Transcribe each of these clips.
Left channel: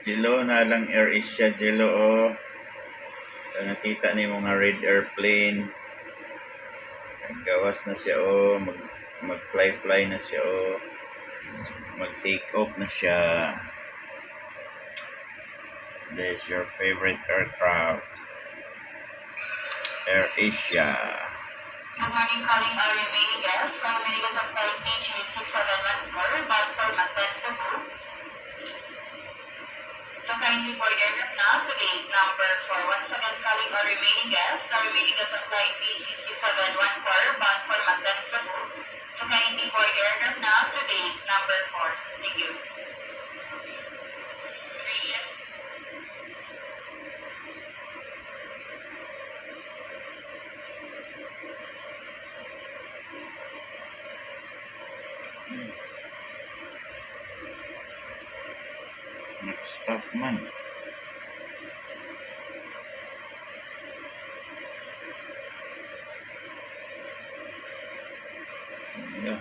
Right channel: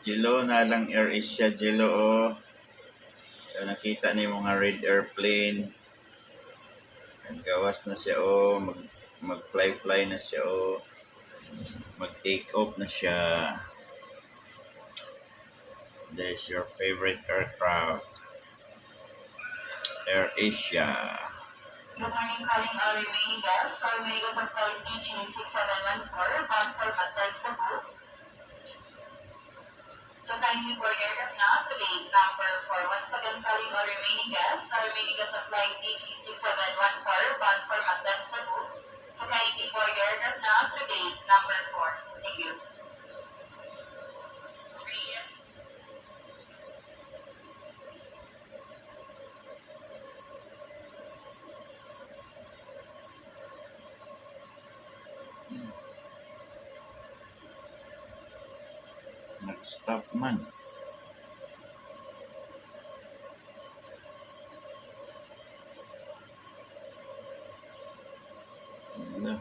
Jello na lang Air Asia Jello oh. So nakita ni mga red airplane. Naggawas na siya oh, mag-fly na siya oh. Mag-take off na siya. This is your favorite aircraft. Air Asia. Good morning, calling our remaining guests. Our remaining guests of flight PG6714, bound for Mactan, Cebu. So kindly board aircraft now to gate number 4. Once again, calling our remaining guests. Our remaining guests of flight PG6714, bound for Mactan, Cebu. So kindly board aircraft now to gate number 4. Thank you. Nag-stop man. Ano?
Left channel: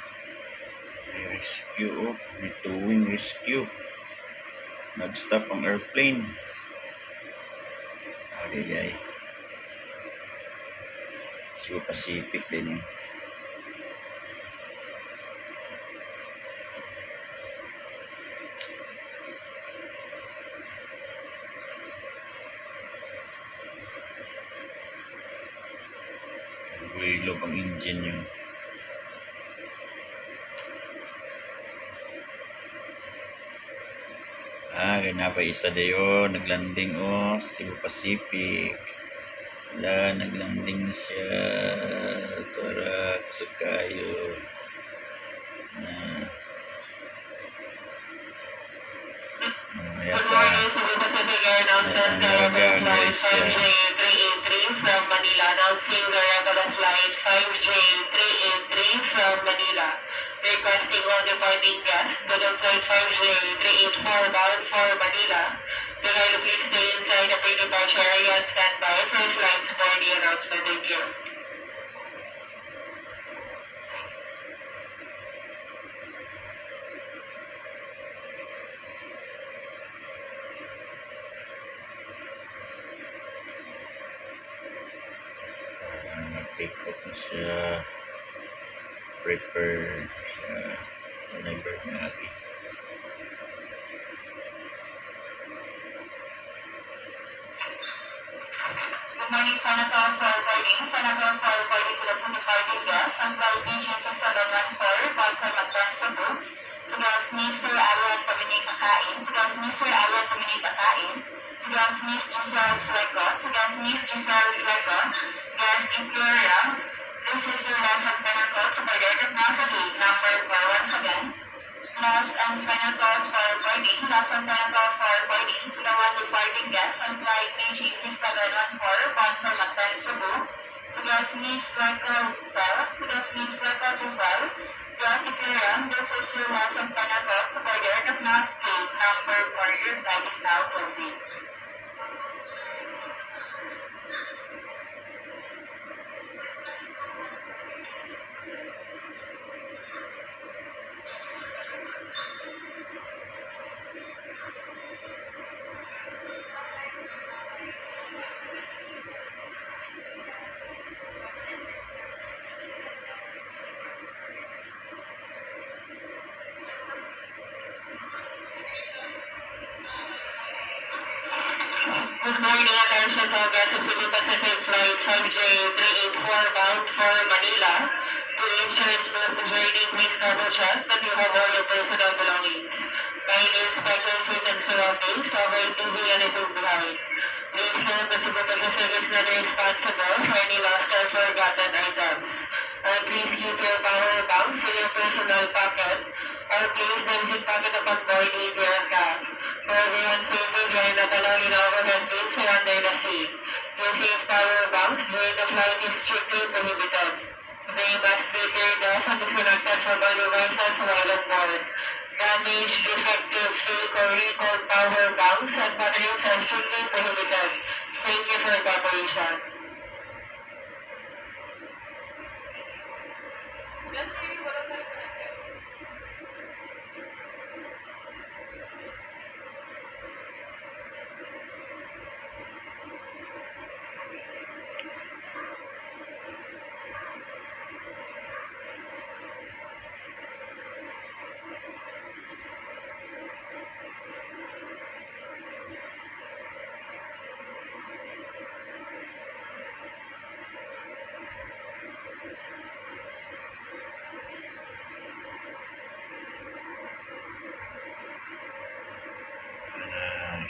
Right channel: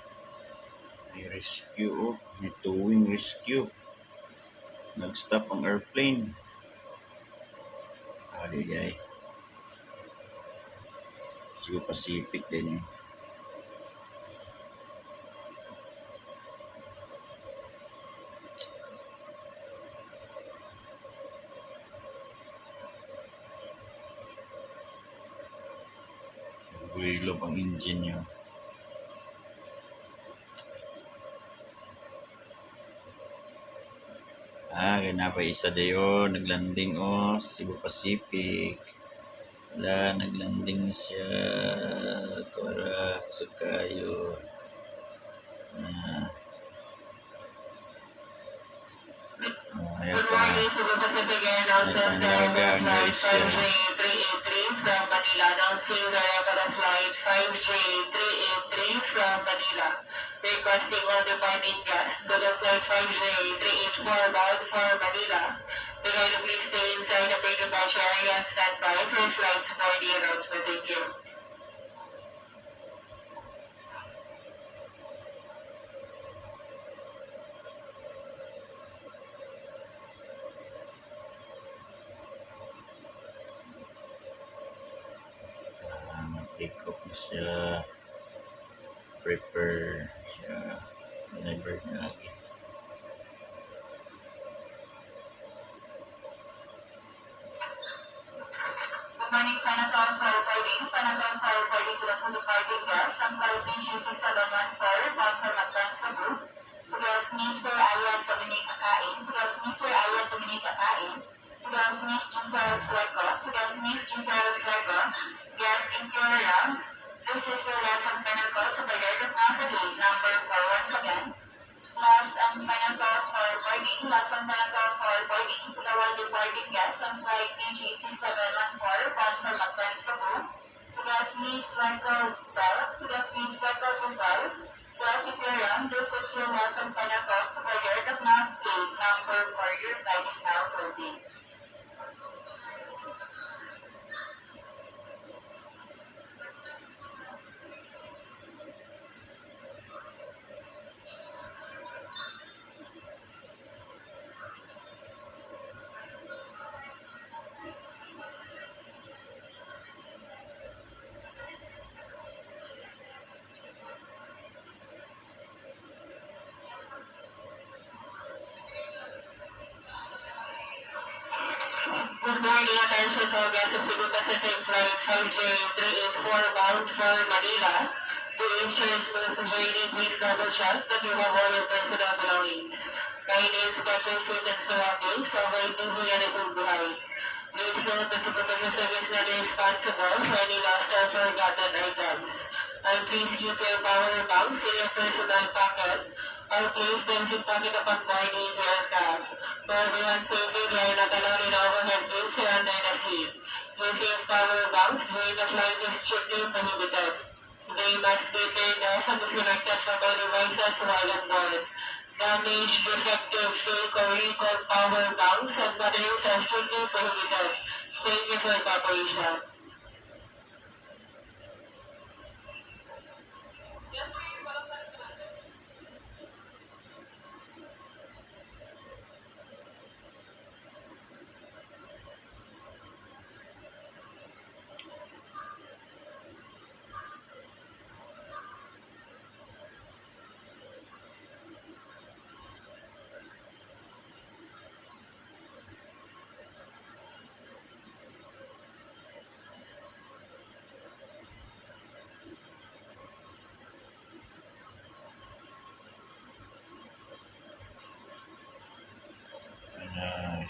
May rescue oh. May towing rescue. Nag-stop ang airplane. Agay-gay. Cebu Pacific din eh. Builog ang engine niya. Ganyan pa isa dayo. Naglanding oh. Cebu Pacific. Wala, naglanding na siya. Tara, kusog kayo. Ayan pa. Cebu Pacific Airlines Nalagaan guys siya. 5J383 from Manila. Announcing the regular flight 5J383 from Manila. Requesting all departing guests to the flight 5J384 bound for Manila. The guide please stay inside the pre-departure area and stand by for flights for the announcement. Thank you. Nag-take off na siya. Prepare siya. Nag-bird na natin. Good morning, Fanaka Flight Boarding. Fanaka Flight Boarding to the full departing guests. Ang flight PG6714, bound for Mactan, Cebu. Sugas Mr. Alan Dominic Akain. Sugas Mr. Alan Dominic Akain. Sugas Miss Giselle Fleco. Sugas Miss Giselle Fleco. Guest Imperial. This is your last and final call to board aircraft now for gate number 4. Once again, last and final call for boarding. Last and final call for boarding to the one departing guests on flight PG6714, bound for Mactan, Cebu. Sugas Miss Fleco Giselle. Sugas Miss Fleco Giselle. Guest Imperial. This is your last and final call to board aircraft now for gate number 4. Your flight is now closing. Good morning, attention for guests of Cebu Pacific Flight 5J384 bound for Manila. To ensure smooth journey, please double check that you have all your personal belongings. Kindly inspect your seat and surroundings to avoid TV and approved behind. Please note that Cebu Pacific is not responsible for any lost or forgotten items. And please keep your power banks in your personal pocket or place them in pocket upon boarding your aircraft. For everyone's safety, they are not allowed in overhead bins or under the seat. Using power banks during the flight is strictly prohibited. They must be turned off and disconnected from all devices while on board. Damaged, defective, fake, or recalled power banks and batteries are strictly prohibited. Thank you for your cooperation.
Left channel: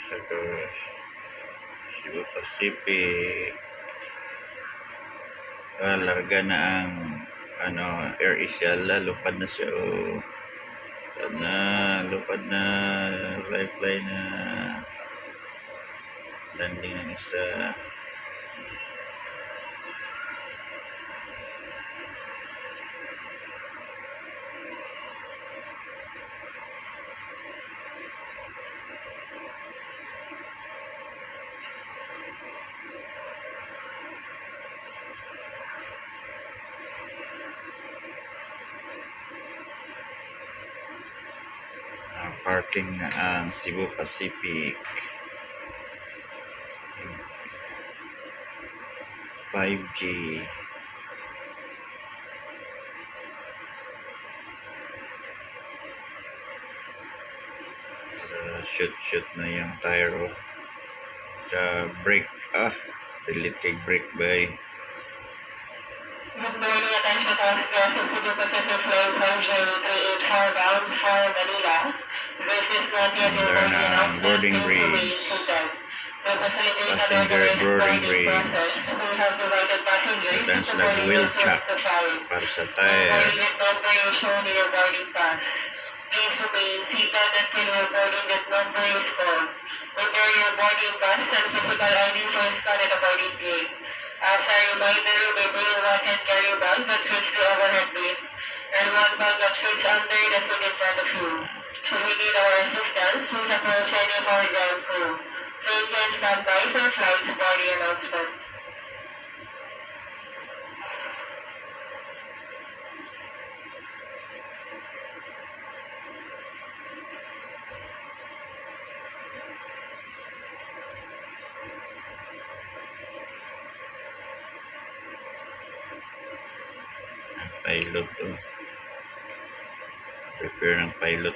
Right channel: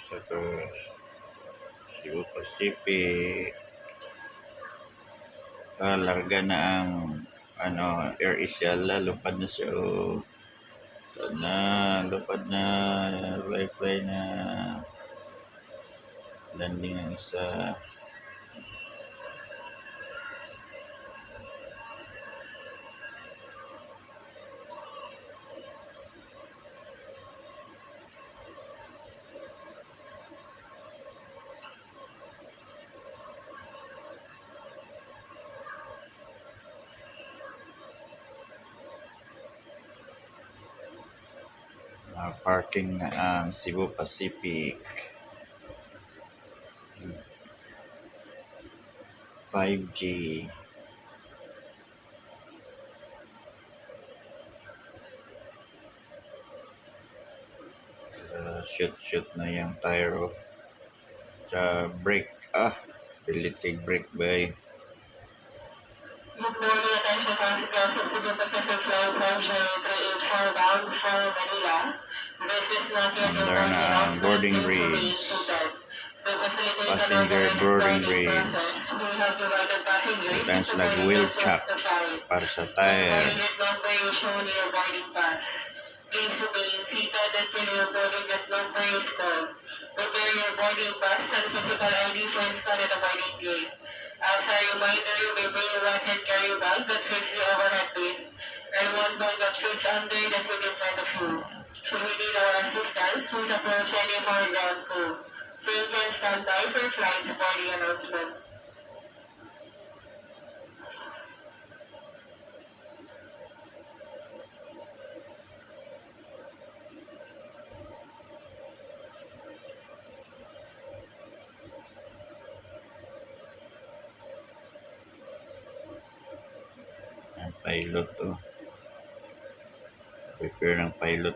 siya to. Cebu Pacific. Larga na ang Air Asia, lupad na siya. Sana lupad na, fly na, landing ang isa. Parking na ang Cebu Pacific. 5G. Shoot na yung tire. Sa brake. Delete kay brake bay. Good morning, attention passengers of Cebu Pacific Flight 10384 bound for Manila. This is not yet your There na boarding bridge. Passenger boarding bridge. Ito sila wheel chuck para sa tire. Number is shown in your boarding pass. Please remain seated until your boarding gate number is called. Prepare your boarding pass and physical ID for scan at the boarding gate. As a reminder, you may bring one hand carry bag that fits the overhead bin and one bag that fits under the seat in front of you. Should we need our assistance, please approach any of our ground crew. Please can stand by for flight's boarding announcement. Ang pilot prepare ng pilot.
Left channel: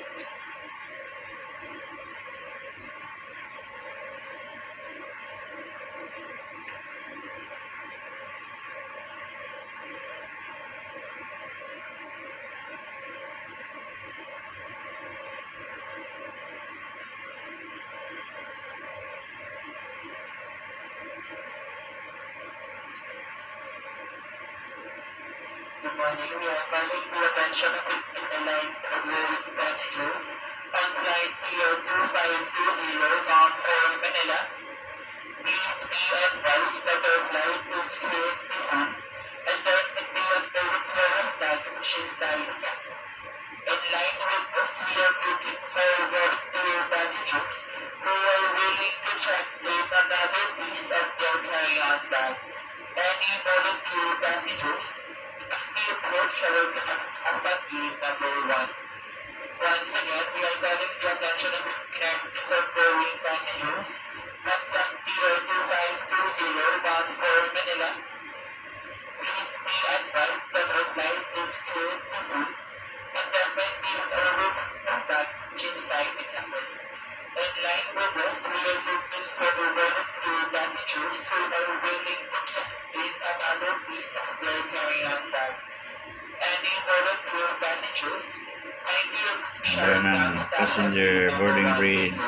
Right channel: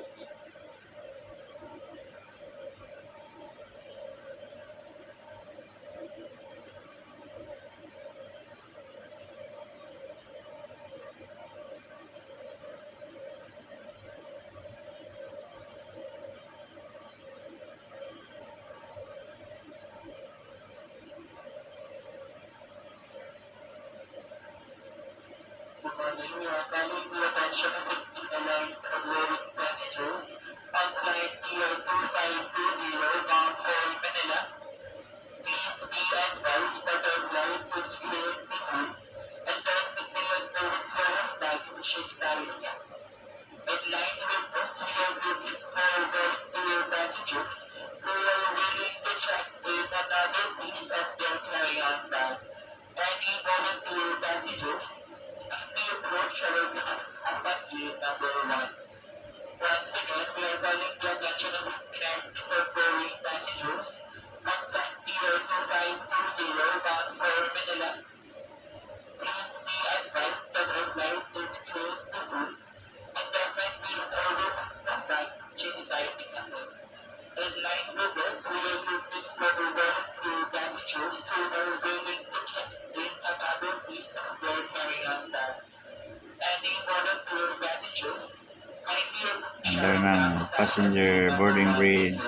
Good morning. We are calling the attention of the line with passengers on flight Tier 2520 bound for Manila. Please be advised that our flight is cleared before and that the overflow of baggage is carried. In line with this, we are looking forward to your passengers who are willing to check with another piece of their carry-on bag. Any volunteer passengers the approach our combat gate number 1. Once again, we are calling the attention of boarding passengers on flight Tier 2520 bound for Manila. Please be advised that our flight is cleared before and there might be an overflow baggage inside the cabin. In line with this, we are looking for the volunteer passengers who are willing to check in another piece of their carry-on bag. Any volunteer passengers, Number ng passenger boarding bridge.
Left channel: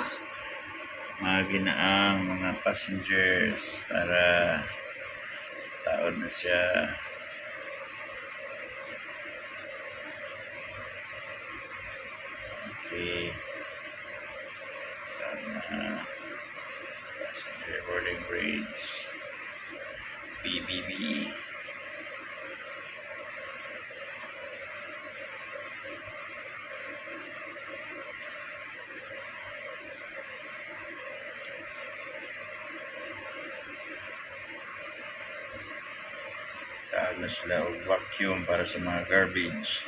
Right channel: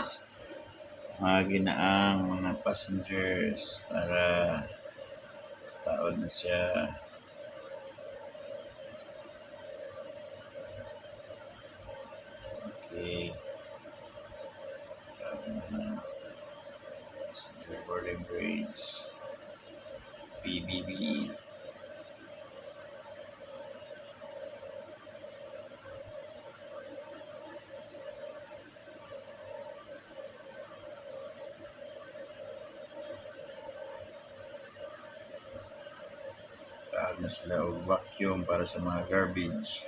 Mga ginaang mga passengers para taon na siya. Okay. Passenger boarding bridge. PBB. Taag na sila og vacuum para sa mga garbage.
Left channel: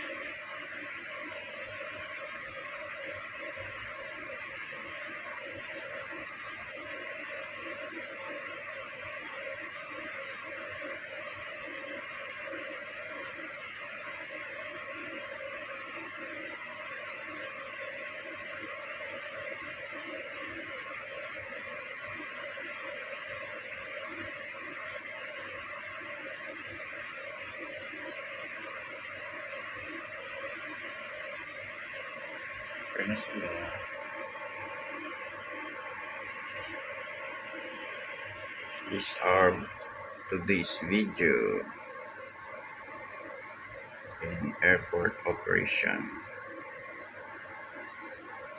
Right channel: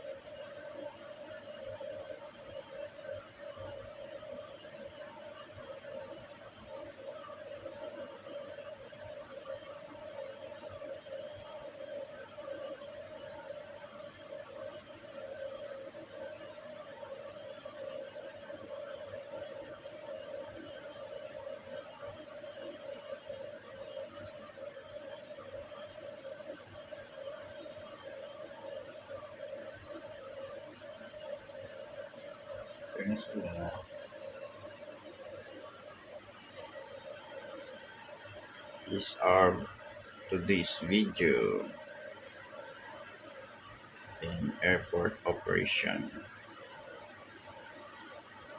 Kaya na sila. These are today's video in airport operation.